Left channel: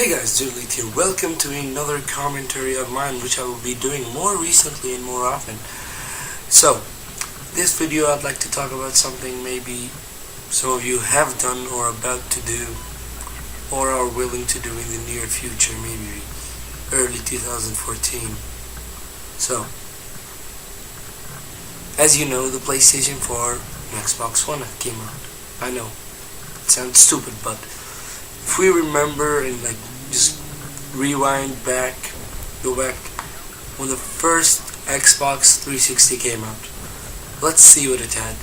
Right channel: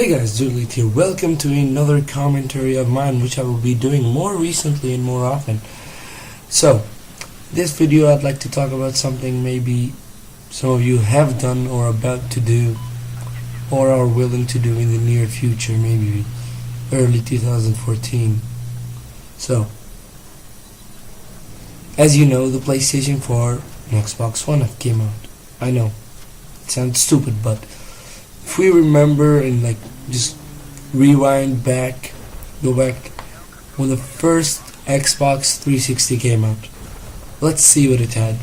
Hey guys, Juliet here. Welcome to another commentary of mine, which I will be doing more recently and more often. So, this video I'd like to talk about something maybe some of you have done or are about to do or are willing to do in the near future, maybe early 2014. So, as you know, the PlayStation 4 and Xbox One came out. I know, it sounds stupid, but if we remember and just rewind back, go back when the first Xbox 360 came out, let's see what it had.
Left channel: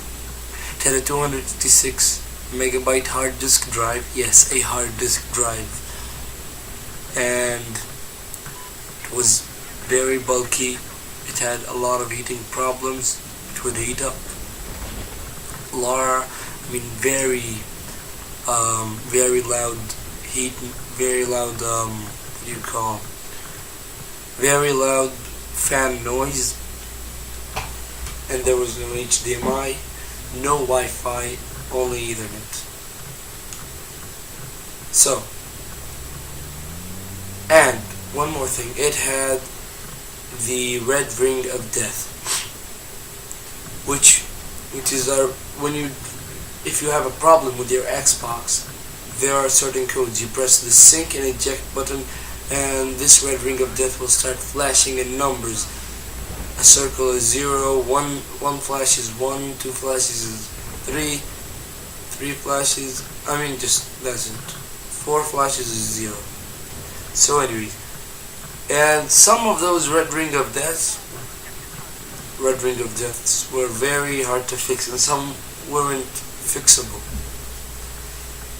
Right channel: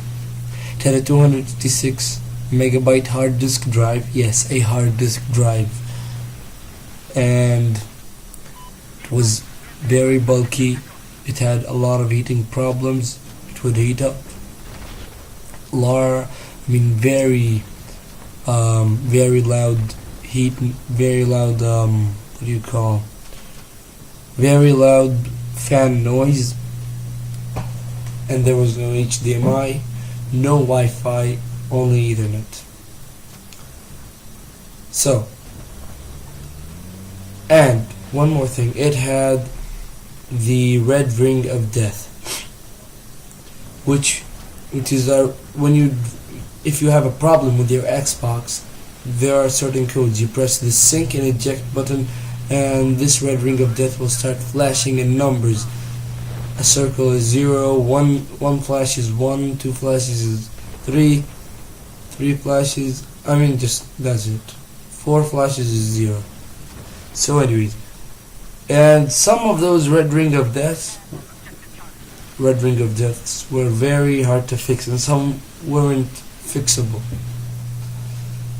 It had a 256 megabyte hard disk drive. Yes, a hard disk drive, and it was very bulky. It had a lot of heating problems. It would heat up. Very loud heat, very loud, very loud fan noise, and there was no HDMI, no Wi-Fi, only Ethernet. So, and one more thing, it had the red ring of death, which is if you have a problem with your Xbox, there are certain codes. You press the sync and eject button, and this red ring of death will start flashing in numbers. A circle is 0, one flash is 1, 2 flashes is 3, 3 flashes, that's it. 4 flashes is 0. So anyway, and some of those red ring of deaths were very hard to fix, and some weren't fixable.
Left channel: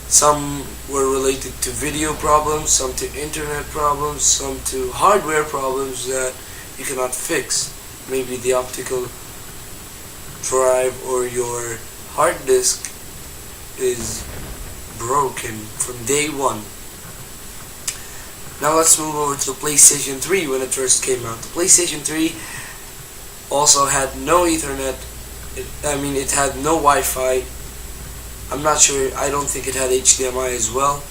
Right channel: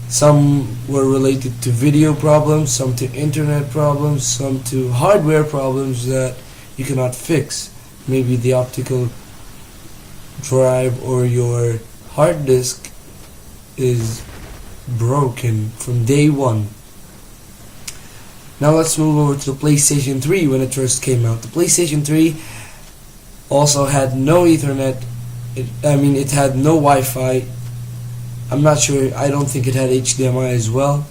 Some were related to video problems, some to internet problems, some to hardware problems that you cannot fix. Maybe the optical drive or your hard disk is broken from day one. Now let's move over to the PlayStation 3 when it first came out. The PlayStation 3 also had no Ethernet. It had no Wi-Fi. I'm not sure. I don't think it had HDMI as well.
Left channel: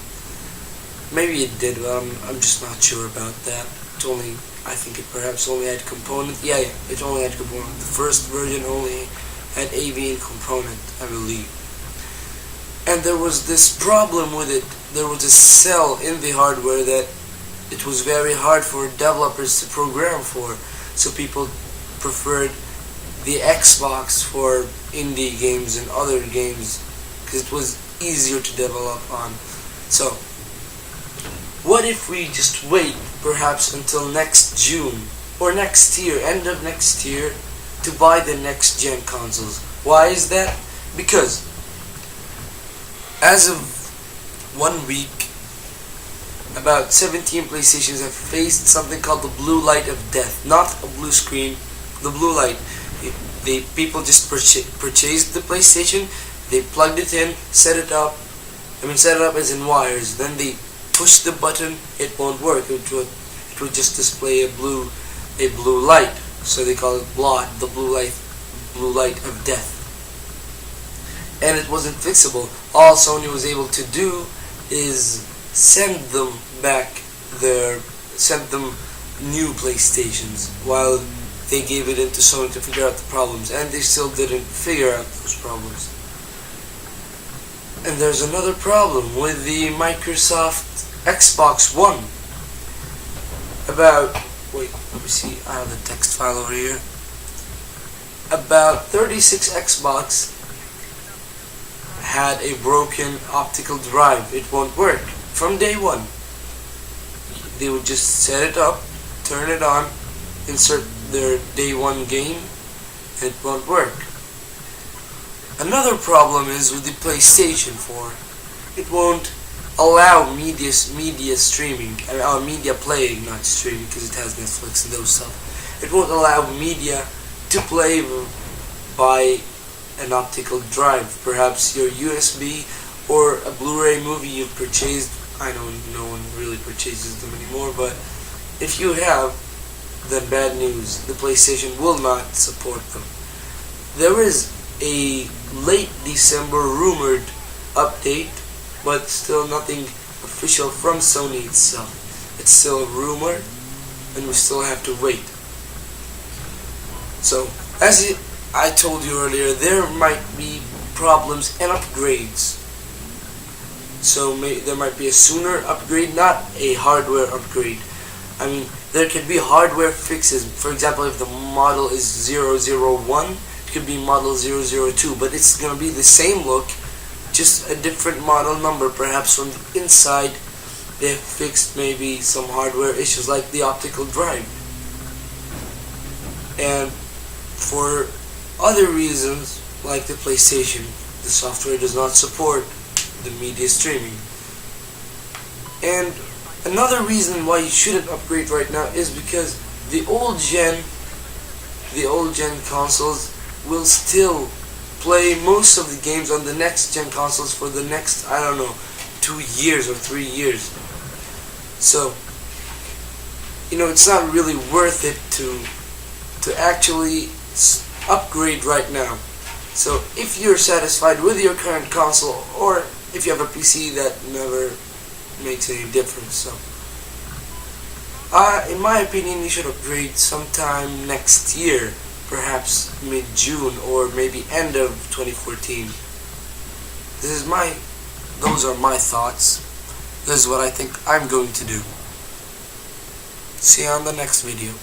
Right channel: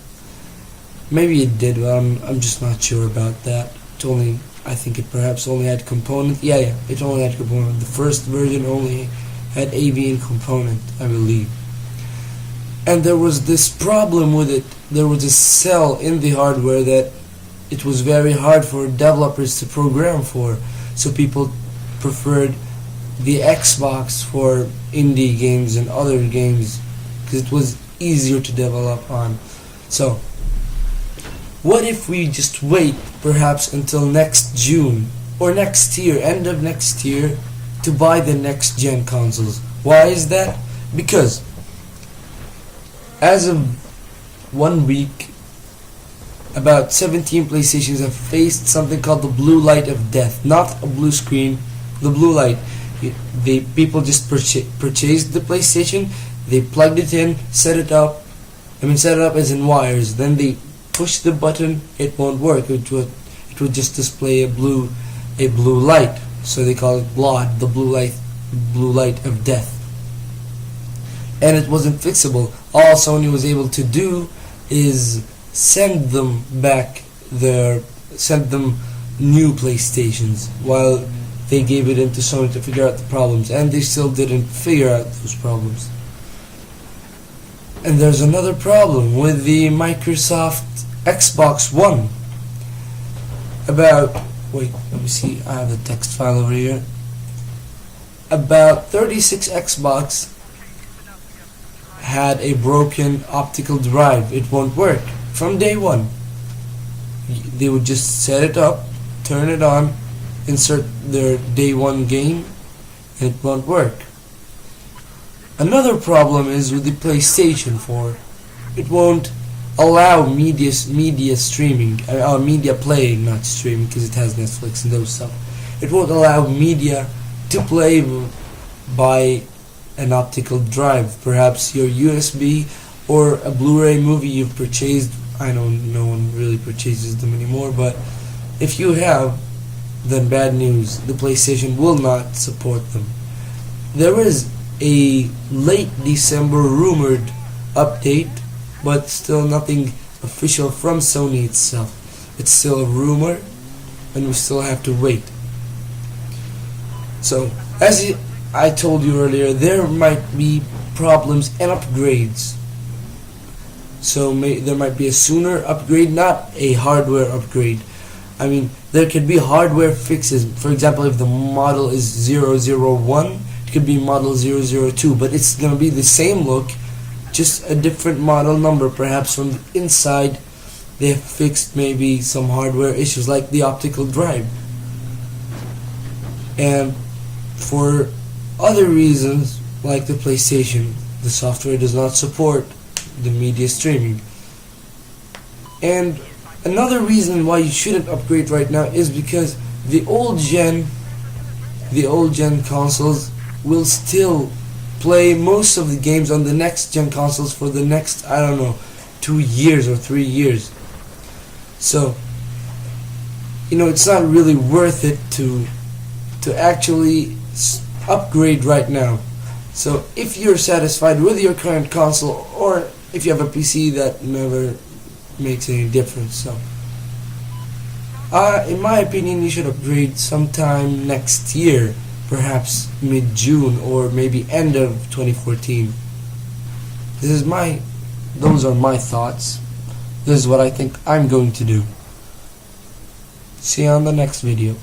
Maybe it did, but I'm just not sure about that. I think it perhaps only had component. Yeah, it only had component. The first version only had AV and component, I believe. And there was this problem with it. There was a cell in the hardware that it was very hard for developers to program for. So people preferred the Xbox for indie games and other games, because it was easier to develop on. So, what if we just wait perhaps until next June or next year, end of next year, to buy the next gen consoles? Why is that? Because as of 1 week, about 17 PlayStations have faced something called the blue light of death. Not a blue screen, the blue light. People just purchased the PlayStation. They plugged it in, set it up as in wires. Then they push the button, it won't work. It would just display a blue light. So they call it blood, the blue light of death. And it wasn't fixable. All Sony was able to do is send them new PlayStations, while they gave it into Sony to figure out the problems, and they still didn't figure out those problems. And there's another problem with the Microsoft Xbox One. Let me see, I have the text file over here. About 36 Xbox had a broken optical drive. It won't work from day one. They would just set it up, turn it on, insert their day one game, and it won't work. Another problem is with the PlayStation 4. It won't allow media streaming, media playing, not streaming, because it has Netflix and those stuff. It won't allow media to play by an optical drive. Perhaps your USB or a Blu-ray movie you've purchased. I know no one really purchases them anymore, but if you have, then bad news. The PlayStation will not support them. There is a late December rumored update, but still nothing official from Sony itself. It's still a rumor, and we still have to wait. So, as I told you earlier, there might be problems and upgrades. So there might be a sooner upgrade, not a hardware upgrade. I mean, there could be hardware fixes. For example, if the model is 001, it could be model 002, but it's going to be the same look, just a different model number. Perhaps from the inside they have fixed maybe some hardware issues like the optical drive. And for other reasons, like the PlayStation, the software does not support the media streaming. And another reason why you shouldn't upgrade right now is because the old gen consoles will still play most of the games on the next gen consoles for the next, I don't know, 2 years or 3 years. So, it's not really worth it to actually upgrade right now. So if you're satisfied with your current console, or if you have a PC, that never makes any difference. So in my opinion, you should upgrade sometime next year, perhaps mid-June or maybe end of 2014. Those are my thoughts. This is what I think I'm going to do. See you on the next video.